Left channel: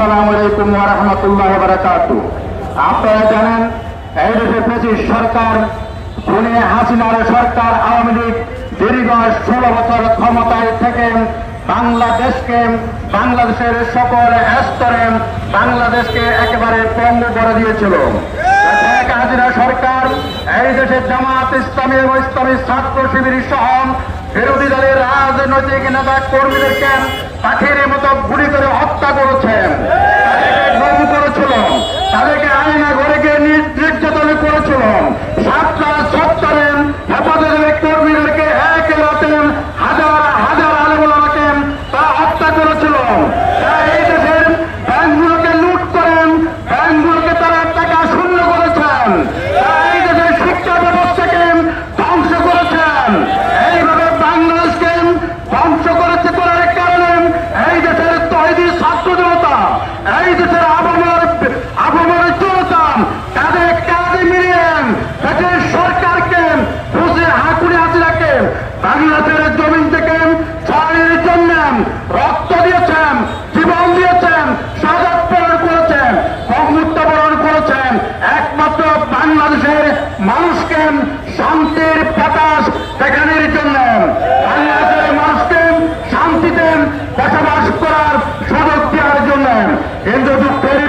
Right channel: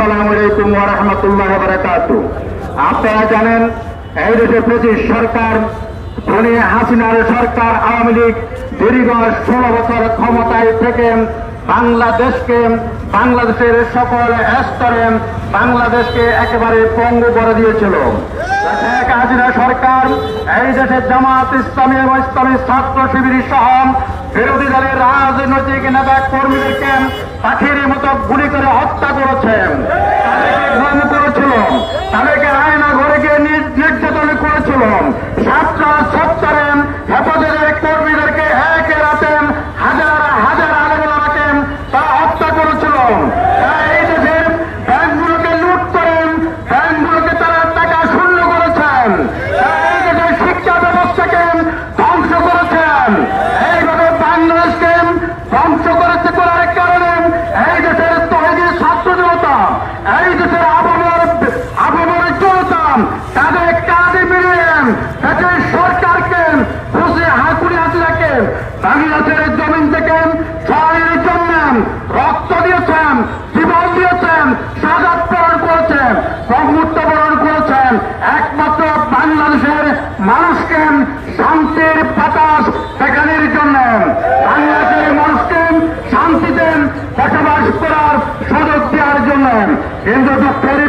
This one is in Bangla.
আসসালামু আলাইকুম ওয়া রাহমাতুল্লাহি ওয়া বারাকাতুহু। আপনারা জানেন এই দেশে 25 সরকার হাসিনার সরকার আওয়ামী লীগ দীর্ঘ 16 বছর ক্ষমতায় থেকে বাংলাদেশের সকল স্তরে বাংলাদেশকে একেবারে পঙ্গু করে দিয়েছিল। হাসিনা সরকার এই দেশের জামাত ইসলামী এবং ইসলামী ছাত্র শিবির সহ বিরোধী দলের রাজনৈতিক নেতা কর্মীদেরকে পাখির মতো গুলি করে হত্যা করেছেন, করেছিল, তাদেরকে আয়না ঘরে গিয়ে নির্যাতন করেছিল। সাতটা সত্তরে হেফাজতের কর্মীদেরকে একে রাতে হাজার হাজার আলমকে তারা হত্যা করেছিল। এই দেশের ব্যাংকগুলোকে লুট করেন, ব্যাংকগুলোকে তারা টাকা শূন্য করেছেন, এই দেশের শিক্ষা ব্যবস্থাকে ধ্বংস করেছেন। এইভাবে বাংলাদেশকে ধ্বংস করার কারণে এই দেশের তৈরি ছাত্র জনতা, এই দেশের আবহাওয়ার জনতা তাদের কাঁধে মিলিয়ে দেশের সরকারকে খুশি হাঁকুড়ে হাসিনাকে বাংলাদেশের জমিন থেকে ছড়ানোর জন্য রক্ত দিয়েছেন, জীবন দিয়েছেন, শাহাদাত বরণ করেছেন, মৃত্যুবরণ করেছেন একমাত্র বাংলাদেশের মানুষকে শান্তির বাতাস দেখানোর জন্য, বাংলাদেশের মানুষকে শান্তিতে বসবাস করার সুযোগ দেওয়ার জন্য। কিন্তু দুঃখের